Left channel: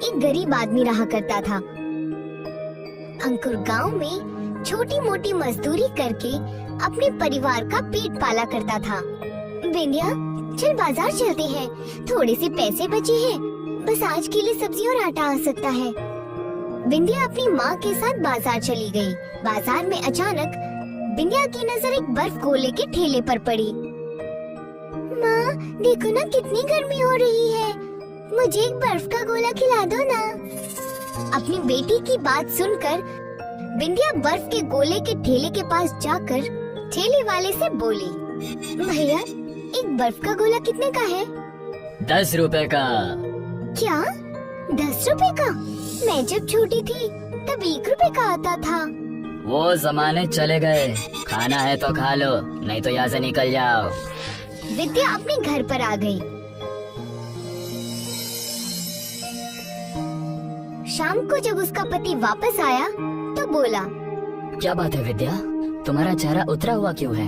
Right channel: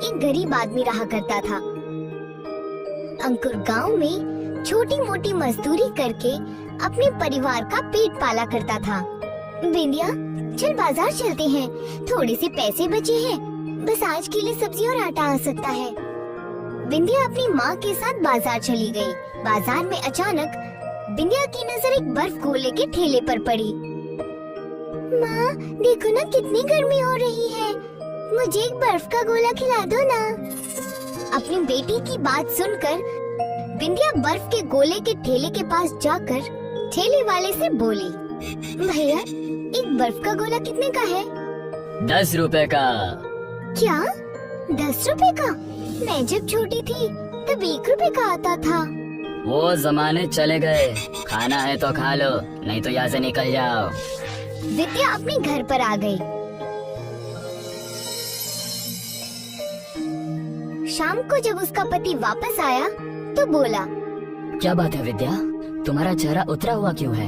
एक गरीब आदमी रहा करता था। अंकुर गांव में छोटी मोटी मजदूरी करके अपने परिवार का पेट पाला करता था। विंध्या, चल बाजार चलते हैं, थोड़े से पैसे बचे हैं, बस आज के लिए सब्जी और आटा आ सकता है। विंध्या अपनी माँ के साथ बाजार चली गई। बाजार में अचानक विंध्या की नजर एक बर्फ गोले के ठेले पर पड़ी। माँ, देखो ना कितनी गर्मी हो रही है, मुझे एक बर्फ का गोला खिला दो ना। अपनी बेटी की बात सुनकर विंध्या बर्फ के गोले के ठेले के पास जाकर ठेले वाले से बोली, भैया, एक बर्फ का गोला कितने का है? 10 रुपए का। क्या 10 रुपए का? मैं जब छोटी थी तब 1 रुपए का आता था। वो जमाने चले गए, खाना है तो खा लो, नहीं तो यहाँ से निकल जाओ। विद्या अपने घर पर आ गई। शाम को जब उसका पति वापस आया तो बोला, क्या बात है विद्या, तुम्हारा चेहरा उतरा हुआ क्यों है?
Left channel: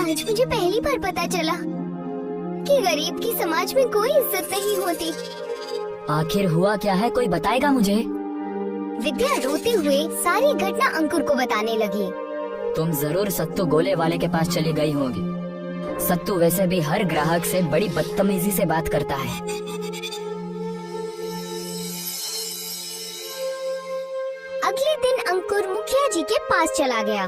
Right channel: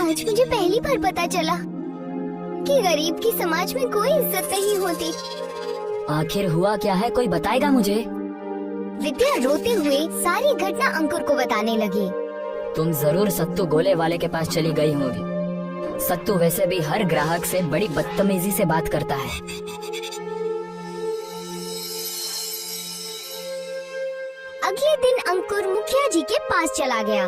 आज मुझे पहली बार पता चला कि गरीब की समाज में कोई इज्जत नहीं होती। आखिर हुआ क्या है, कोई बताएगा मुझे? विद्या रोते हुए सारी घटना अंकुर को बताने लगी। तुम जरूर सत्तू गोले वाले के पास चली गई होगी। सत्तू वैसे भी हर ग्राहक से बड़ी बदतमीजी से बात करता है। अगले दिन अंकुर मुखिया जी के पास चला गया।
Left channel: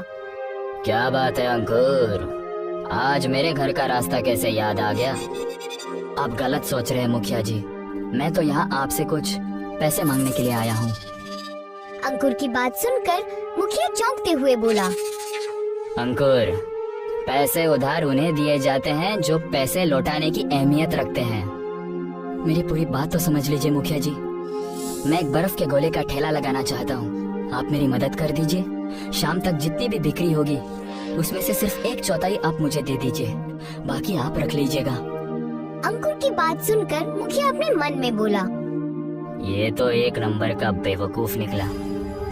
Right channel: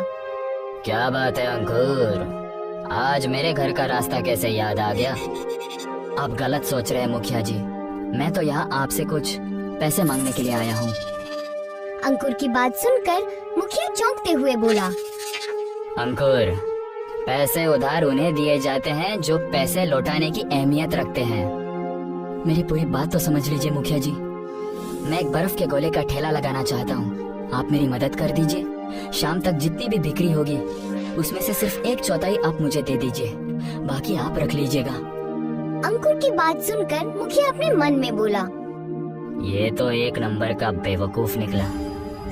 क्या बात है अंकुर, आज मेरे घर का रास्ता कैसे याद आ गया? आप गलत सोच रहे हैं मुखिया जी, मैं तो यहाँ आपसे कुछ पैसे मांगने के लिए आया हूँ। अंकुर की बात सुनकर मुखिया चौंकते हुए बोला, अंकुर, पैसे उधार उन्हें दिए जाते हैं जो पैसे लौटाने की अहमियत रखते हैं। मेरी पूरी बात तो समझ लीजिए मुखिया जी, मैं एक बर्फ के गोले का ठेला लगाना चाहता हूँ, आप मेरी मदद कर दीजिए। शाम तक जितनी भी बिक्री होगी उसमें से सिर्फ 1/4 आप मुझे दे दीजिए, बाकी आप रख लीजिएगा। अंकुर की बात सुनकर मुखिया अपने मन में बोला, ये तो एक नंबर का बेवकूफ निकला,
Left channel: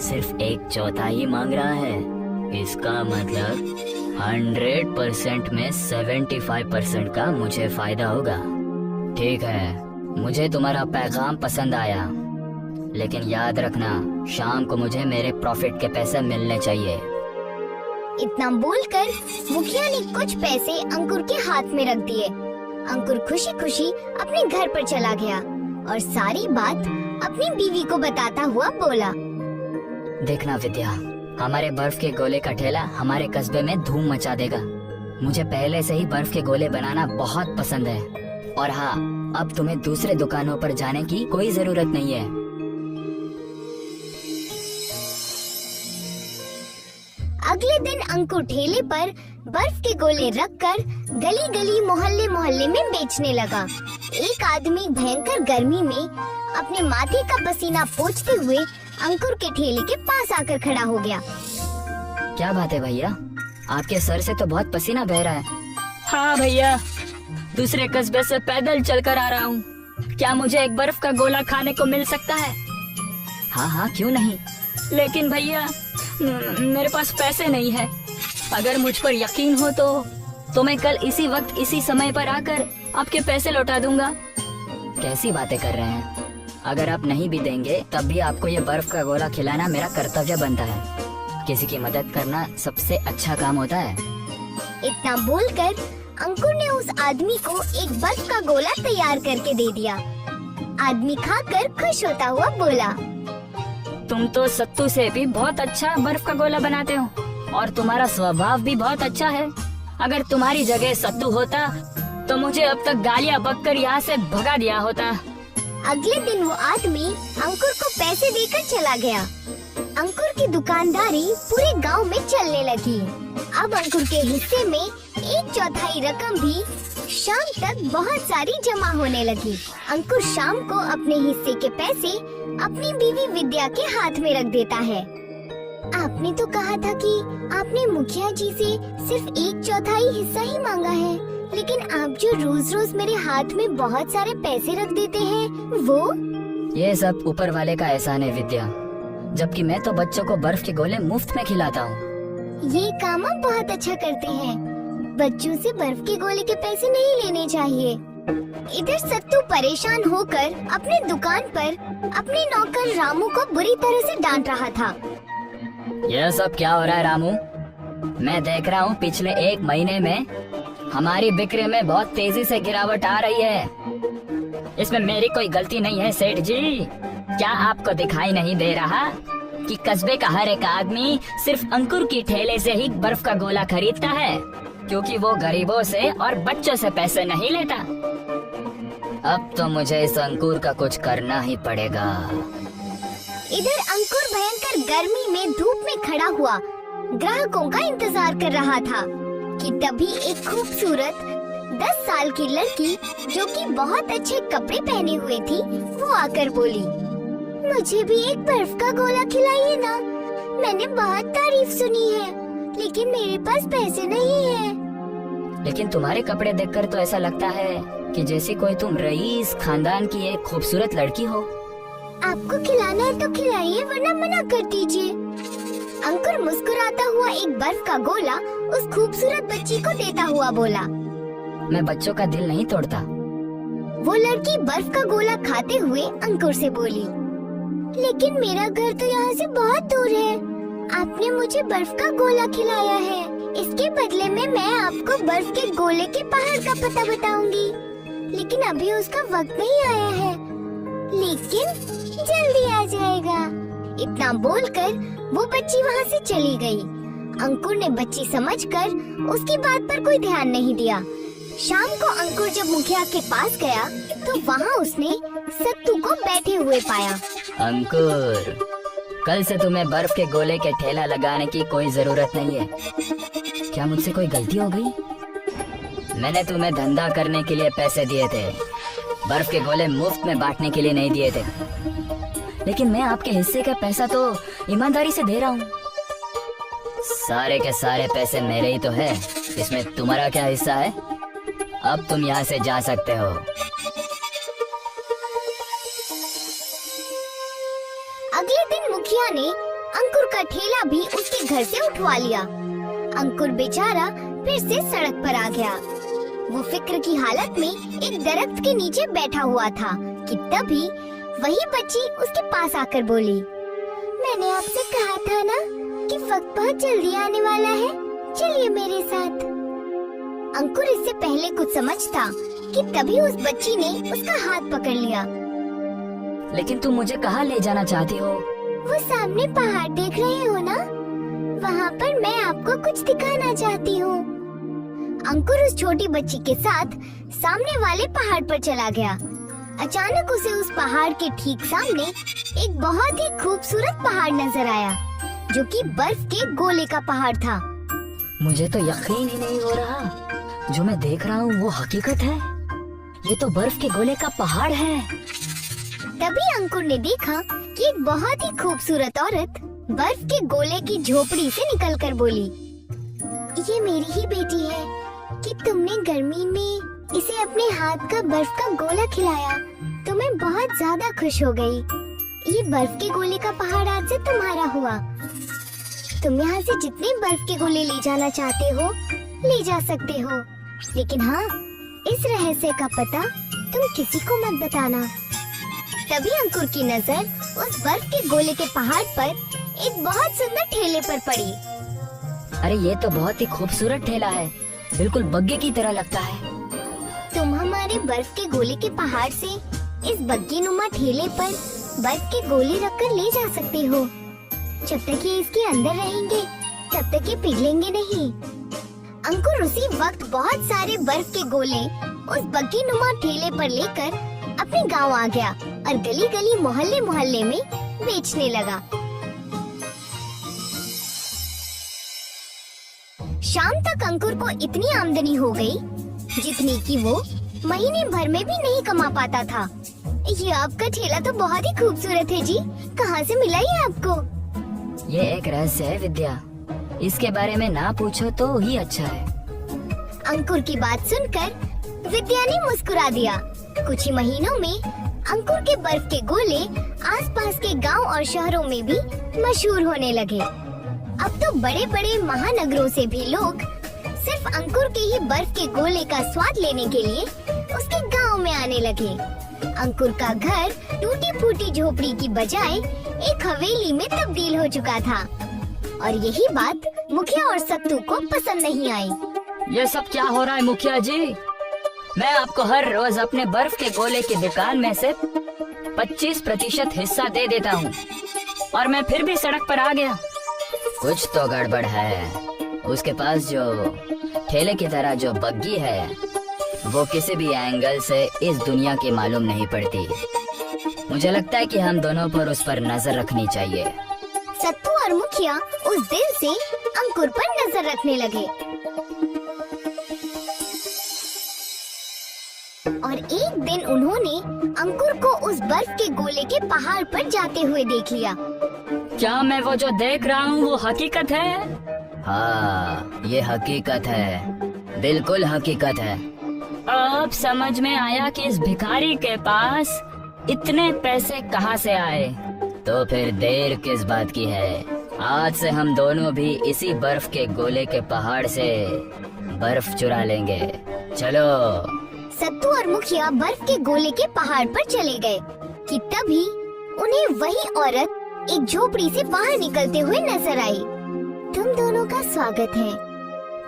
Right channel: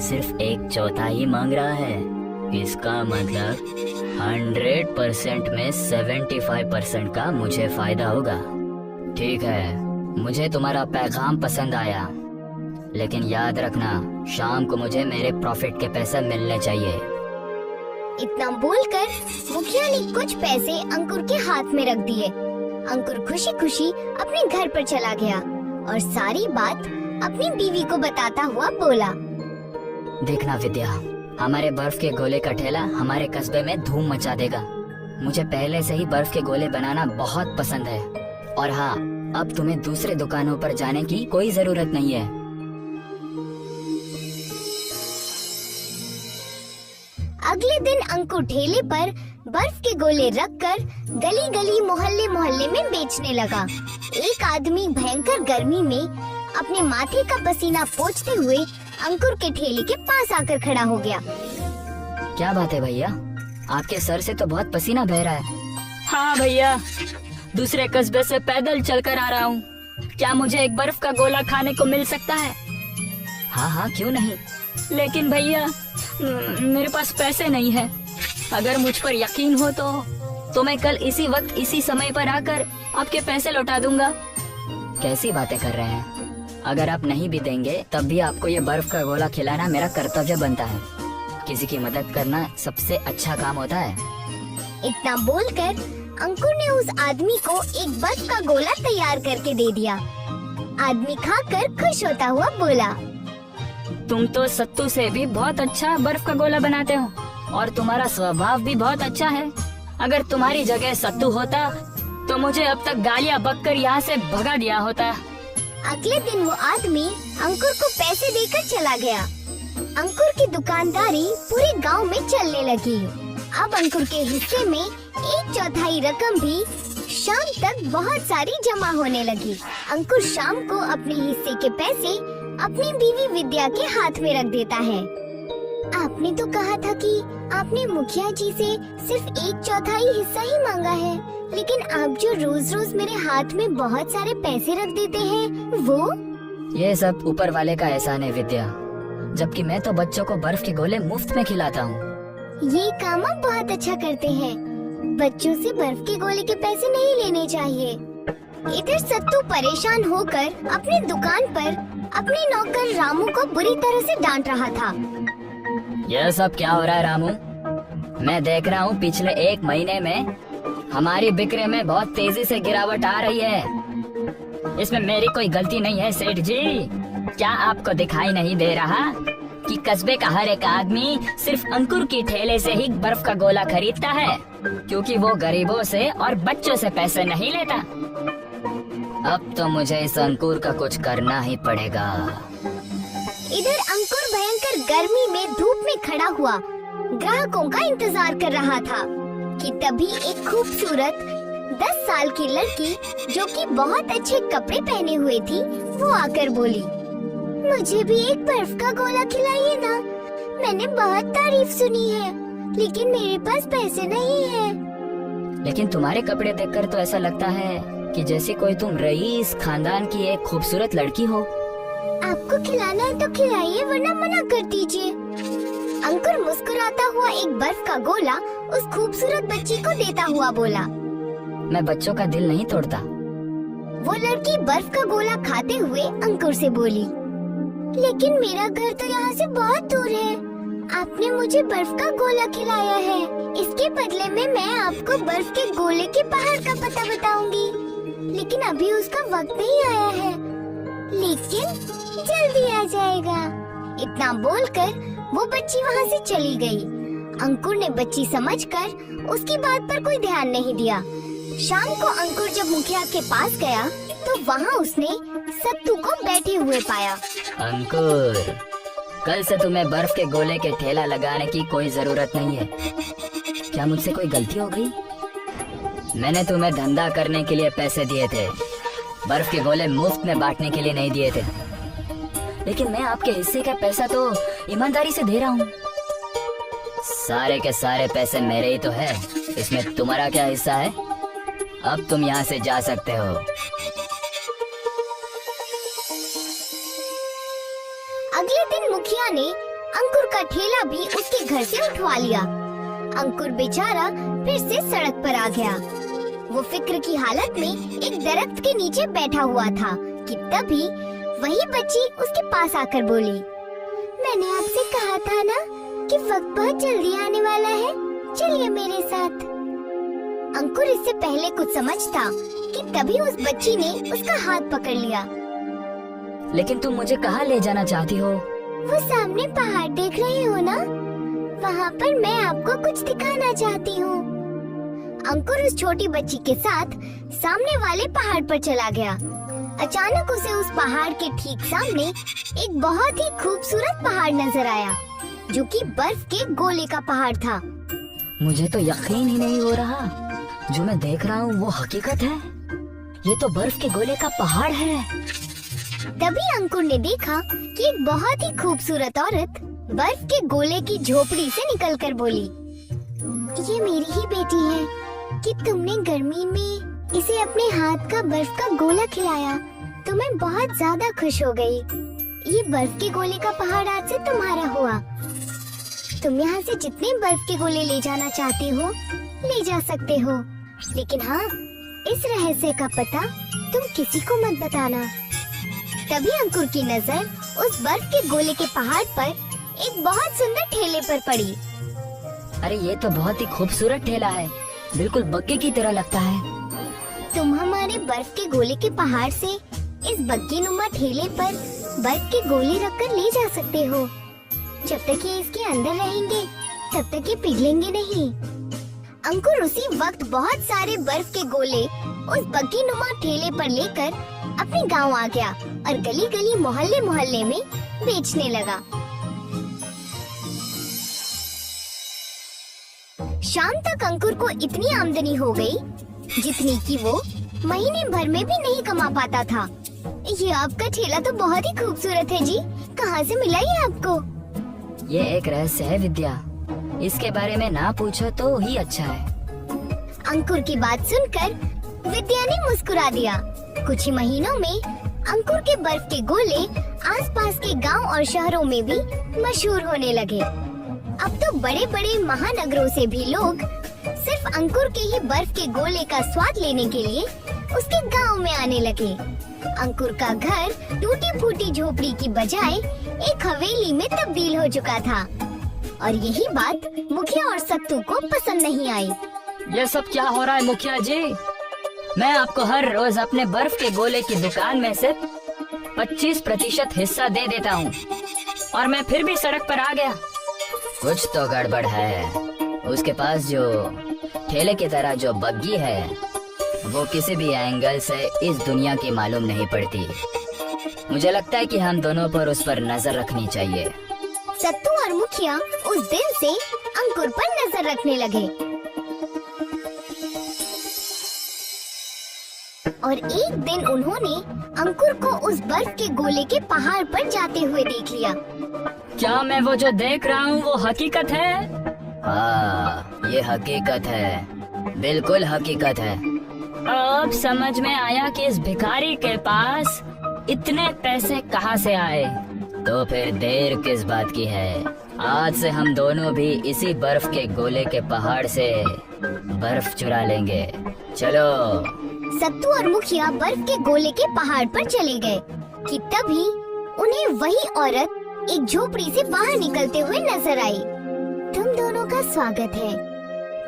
सिर्फ 1/4 मांग रहा है। इसका मतलब 100% में 75% का मुझे फायदा होगा। ठीक है, मुझे तुम्हारा पैगाम पसंद आया, लेकिन याद रखना शाम को मुझे मेरे प्रॉफिट के पैसे मिलने चाहिए। इतना बोलकर मुखिया ने कुछ पैसे अंकुर के हाथ में रख दिए। अंकुर खुशी खुशी अपने घर पर चला गया और सारी बात अपनी बीवी को बताता हुआ बोला, देखना विद्या, हमारे बर्फ के गोले का ठेला हमारे कस्बे में धूम मचा देगा। मुझे पहले से ही बर्फ के गोले बनाना बहुत पसंद है। और हाँ, अब तुम्हें दूसरे दुकानों पर जाने की कोई जरूरत नहीं है। अगले दिन अंकुर ठेले पर बर्फ के गोले रखकर गली गली मोहल्ले मोहल्ले में बेचने लगा। एक आदमी भयंकर गर्मी में अपने माथे का पसीना पोंछते हुए अंकुर के ठेले के पास आकर खड़ा हो गया। क्या बात है भैया, आपके सर से तो बहुत पसीना बह रहा है। हाँ भैया, दूसरे कस्बे से पैदल चलकर आ रहा हूँ, क्या मुझे एक बर्फ का गोला खाने को मिल सकता है? हाँ हाँ, क्यों नहीं, लेकिन भैया मेरे पास पैसे नहीं है। अगर मुझ पर यकीन हो तो मैं कल इसी वक्त इसी समय पर आकर आपके पैसे लौटा दूंगा। कैसी बातें कर रहे हैं, अगर आप नहीं भी देंगे तब भी आपको ये बर्फ का गोला खिलाना मेरा कर्तव्य बनता है। किसी की मदद करना सबसे अच्छा काम होता है। इतना बोलकर अंकुर ने उस आदमी को एक बर्फ का गोला तैयार करके दे दिया। आदमी खाकर खुश होता हुआ बोला, तुम तो सत्तू से भी बहुत अच्छा बर्फ का गोला बनाते हो और तुम्हारा स्वभाव भी बहुत अच्छा है। अगर तुम्हारी जगह सत्तू होता तो मुझे अब तक गालियाँ बककर यहाँ से भगा दिया होता। अगले दिन वो आदमी अंकुर को पैसे देकर चला गया। अंकुर की दुकानदारी पूरे गांव में चलने लगी। अब अंकुर के हिस्से में 1/4 रकम भी शाम तक बहुत सारी जमा होने लगी। अंकुर शाम को अपने हिस्से के पैसे अपनी बीवी विद्या के हाथ में रख देता है। आपने तो कहा था कि आपने मुखिया जी से सिर्फ 1/4 हिस्सा ही मांगा है, लेकिन आप जो रोज रोज मेरे हाथ में बहुत सारे पैसे रख देते हैं वो? ये सब ऊपर वाले का एहसान है विद्या, जबकि मैं तो बच्चों को बर्फ के गोले मुफ्त में खिलाता हूँ। ये काम आप बहुत अच्छा करते हैं। बच्चों से बर्फ के गोले के पैसे नहीं लेने चाहिए। इधर सत्तू परेशान होकर अपनी दुकान पर अपने नौकर रामू को बुरी तरह से डांट रहा था। यह सब क्या हो रहा है रामू? मैं देख रहा हूँ पिछले 1 महीने में हमारी बिक्री में बहुत तेजी से गिरावट आ रही है। इसमें मेरी कोई गलती नहीं है सेठ जी। क्या आपको दिखाई नहीं दे रहा कि कस्बे का हर एक आदमी सिर्फ अंकुर की ठेले से ही बर्फ का गोला खरीदता है, क्योंकि वो गरीबों से और बच्चों से पैसे नहीं लेता। अब तो मुझे इस अंकुर का कुछ करना ही पड़ेगा। इधर अंकुर भयंकर गर्मी में धूप में खड़ा हुआ ग्राहकों का इंतजार कर रहा था कि तभी एक खूबसूरत 10 साल की लड़की जो कि बहुत अच्छे कपड़े पहने हुए थी, वो आकर बोली, मुझे भी एक बर्फ का गोला खिलाइए ना। मैंने बहुत तारीफ सुनी है, लेकिन मेरे पास पैसे नहीं है। लेकिन तुम्हारे कपड़े देखकर तो ऐसा लगता है कि जैसे कोई तुम रईस खानदान की एक खूबसूरत लड़की हो। आपको खिलाना है तो खिलाइए, वरना मना कर दीजिए। अंकुर मुस्कुराता हुआ एक बर्फ का गोला उस खूबसूरत बच्ची को देता हुआ बोला। मैं बच्चों का दिल नहीं तोड़ता। वो लड़की बर्फ का गोला खाते हुए अंकुर से बोली, लेकिन मेरा घर तो यहाँ से बहुत दूर है। आपने मुझे बर्फ का गोला खिलाया है, इसके बदले में मैं आपको बर्फ के गोले के पहाड़ का पता बताऊंगी। लेकिन अभी उसका वक्त नहीं आया है, लेकिन जल्दी आ जाएगा। इतना बोलकर वो बच्ची वहाँ से चली गई। अंकुर ने बच्ची समझकर उसकी बात पर कोई ध्यान नहीं दिया। शाम को अंकुर जब मुखिया के पास गया तो वहाँ उसने सत्तू को बैठे हुए पाया। अंकुर, कल से तुम्हें बर्फ के गोले के ठेला लगाने की कोई जरूरत नहीं है। क्या मुझसे कोई गलती हो गई? मैंने तुम्हें धंधा करने के लिए पैसे दिए थे, बर्फ के गोले मुफ्त में बांटने के लिए नहीं दिए थे। लेकिन मैं आपके हिस्से का पैसा तो ईमानदारी से दे रहा हूँ। सारे के सारे पैसे मेरे ही तो है, इसमें तुम्हारा क्या हिस्सा है? अब तुम यहाँ से जा सकते हो। अगले दिन मुखिया ने अंकुर का ठेला भी उसके घर से उठवा लिया। अंकुर बेचारा फिर से सड़क पर आ गया। वो फिक्र की हालत में एक दरख्त के नीचे बैठा हुआ था कि तभी वही बच्ची उसके पास आकर बोली, मैंने आपसे कहा था ना कि वक्त बहुत जल्दी आने वाला है, चलिए मेरे साथ। अंकुर इससे पहले कुछ समझता कि तभी उस बच्ची ने उसका हाथ पकड़ लिया। लेकिन तुम मुझे कहाँ ले जाना चाहती हो? वो सामने पहाड़ देख रहे हो ना, वहाँ पर मैं आपको कुछ दिखाना चाहती हूँ। अंकुर उस छोटी बच्ची के साथ सामने वाले पहाड़ पर चला गया। अचानक उसे उस पहाड़ के ठीक सामने एक बहुत ही खूबसूरत पहाड़ नजर आया, जो कि बर्फ के गोले का पहाड़ था। मुझे तो यकीन ही नहीं हो रहा, जो मैं देख रहा हूँ वो हकीकत है। ये तो बर्फ के गोले का पहाड़ है। तभी अंकुर ने देखा कि एक बहुत ही खूबसूरत औरत बर्फ के गोले की झोपड़ी से निकलकर बोली, ये मेरी ही बेटी है कि तुमने गर्मी में इसे अपने हाथ का बर्फ का गोला खिलाया तो मैं बहुत ज्यादा खुश हो गई। ये बर्फ के गोले का पहाड़ आज से तुम्हारा हुआ। तुम यहाँ से जितने बर्फ के गोले ले जाना चाहते हो ले जा सकते हो, लेकिन हाँ, इस रहस्य का पता तुम किसी को मत बताना। तभी अंकुर की नजर उस बर्फ के गोले के पहाड़ पर एक बहुत सुंदर ठेले पर पड़ी। अरे ये तो बहुत ही खूबसूरत ठेला है, बिल्कुल बग्गे की तरह लगता है। तुम हमारे बर्फ के गोले के पहाड़ से इस बग्गी नुमा ठेले पर बर्फ के गोले रखकर ले जा सकते हो। जब तक ये इसके अंदर रहेंगे तब तक ये पिघलेंगे नहीं। अंकुर उसी वक्त बहुत सारे बर्फ के गोले उस बग्गी नुमा ठेले पर लेकर अपने गांव आ गया और गली गली मोहल्ले मोहल्ले में बेचने लगा। शाम तक अंकुर को इतनी आमदनी हो गई जितनी कि वो महीने भर में भी नहीं कमा पाता था। ये आपका ठेला तो बहुत ही खूबसूरत है जी, कहाँ से मिला ये आपको? ये एक रहस्य है विद्या, इसके बारे में ना पूछो तो ही अच्छा है। अंकुर की बात सुनकर विद्या ने मुस्कुरा दिया। कुछ ही महीनों में अंकुर के बर्फ के गोले आसपास के गांव और शहरों में भी मशहूर होने लगे। अब तो बड़े बड़े महानगरों से भी लोग सिर्फ अंकुर के ही बर्फ के गोले का स्वाद लेने के लिए उसके गांव में आने लगे। अंकुर का घर टूटी फूटी झोपड़ी की बजाय एक हवेली में तब्दील हो चुका था। और यही बात मुखिया और सत्तू को पसंद नहीं आई। ये सब क्या हो रहा है मुखिया जी? मैं आपको हर रोज अपने बर्फ के गोले की दुकान में से 25% हिस्सा दे देता हूँ और मैं फिर भी सड़क पर आ गया। कुछ तो गड़बड़ है। उसके पास जो ठेले की तरह जो बग्गी है वो किसी भी एंगल से इस दुनिया की मालूम नहीं पड़ती। मुझे लगता है कि हम दोनों पर उस पर नजर रखनी चाहिए। सत्तू और मुखिया उस दिन से अंकुर पर नजर रखने लगे और एक दिन उन्होंने अंकुर को उस बर्फ के गोले के पहाड़ पर जाते हुए देख लिया। क्या मैं वो जो देख रहा हूँ वो हकीकत है? हाँ, ये हकीकत है, बिल्कुल हकीकत है। अब समझ में आया कि इस भिखारी के पास इतने पैसे कहाँ से आए। तो फिर देर किस बात की है? आज से हम दोनों भी इसी बर्फ के गोले के पहाड़ से बर्फ चुरा लेंगे। चलो। सत्तू और मुखिया बर्फ के गोले के पहाड़ पर चले गए कि तभी उन्हें वही औरत एक झोपड़ी से बाहर निकलते हुए नजर आई। तुम दोनों का स्वागत है।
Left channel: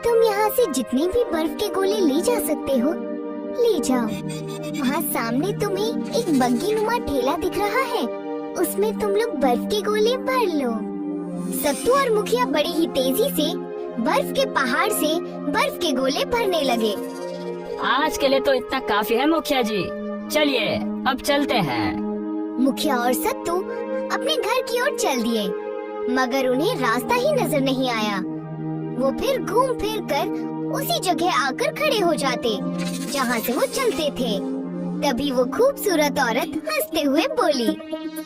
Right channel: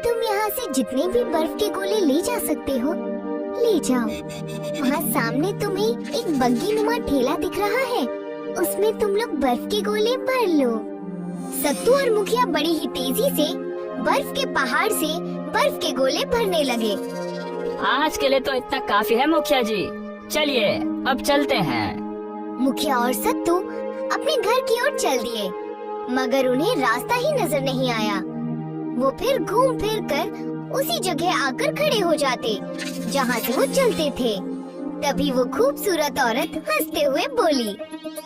तुम यहाँ से जितने भी बर्फ के गोले ले जा सकते हो ले जाओ। वहाँ सामने तुम्हें एक बग्गी नुमा ठेला दिख रहा है, उसमें तुम लोग बर्फ के गोले भर लो। सत्तू और मुखिया बड़ी ही तेजी से बर्फ के पहाड़ से बर्फ के गोले भरने लगे। आज के लिए तो इतना काफी है मुखिया जी, चलिए अब चलते हैं। मुखिया और सत्तू अपने घर की ओर चल दिए, मगर उन्हें रास्ता ही नजर नहीं आया। वो फिर घूम फिर कर उसी जगह आकर खड़े हो जाते जहाँ से वो चलते थे। तभी वो खूबसूरत औरत हंसते हुए बोली,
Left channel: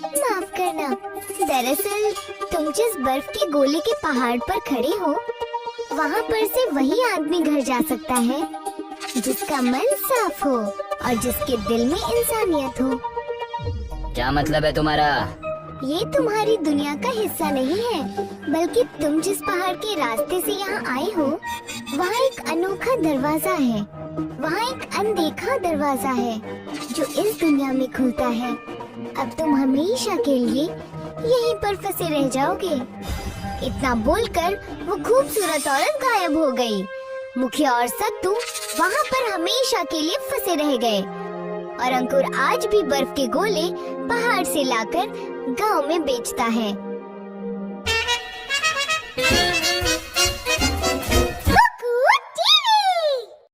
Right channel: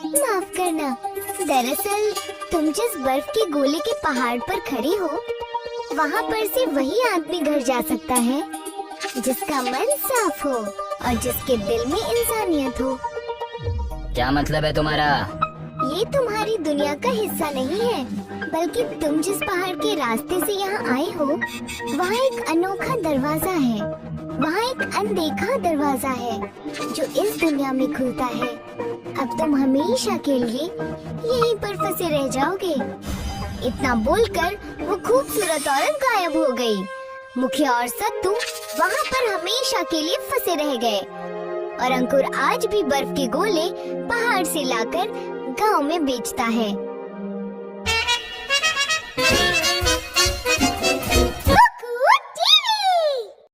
माफ करना, दरअसल तुम जिस बर्फ के गोले के पहाड़ पर खड़े हो वहाँ पर से वही आदमी घर जा सकता है जिसका मन साफ हो और जिसके दिल में इंसानियत हो। क्या मतलब है तुम्हारा? ये तुम्हारी दुनिया का हिस्सा नहीं है, बल्कि तुम जिस पहाड़ के रास्ते से यहाँ आए हो वहाँ एक अनोखा दरवाजा है। वहाँ एक अनदेखा दरवाजा है जो इस दुनिया में खुलता है। अब तुम हमेशा के लिए यहीं पर फंसे रह जाओगे। इतना बोलकर वो खूबसूरत औरत गायब हो गई। मुखिया और सत्तू वहाँ पर हमेशा के लिए फंसे रह गए और अंकुर आज भी बर्फ के गोले पहाड़ से लाकर गांव में बेचता है।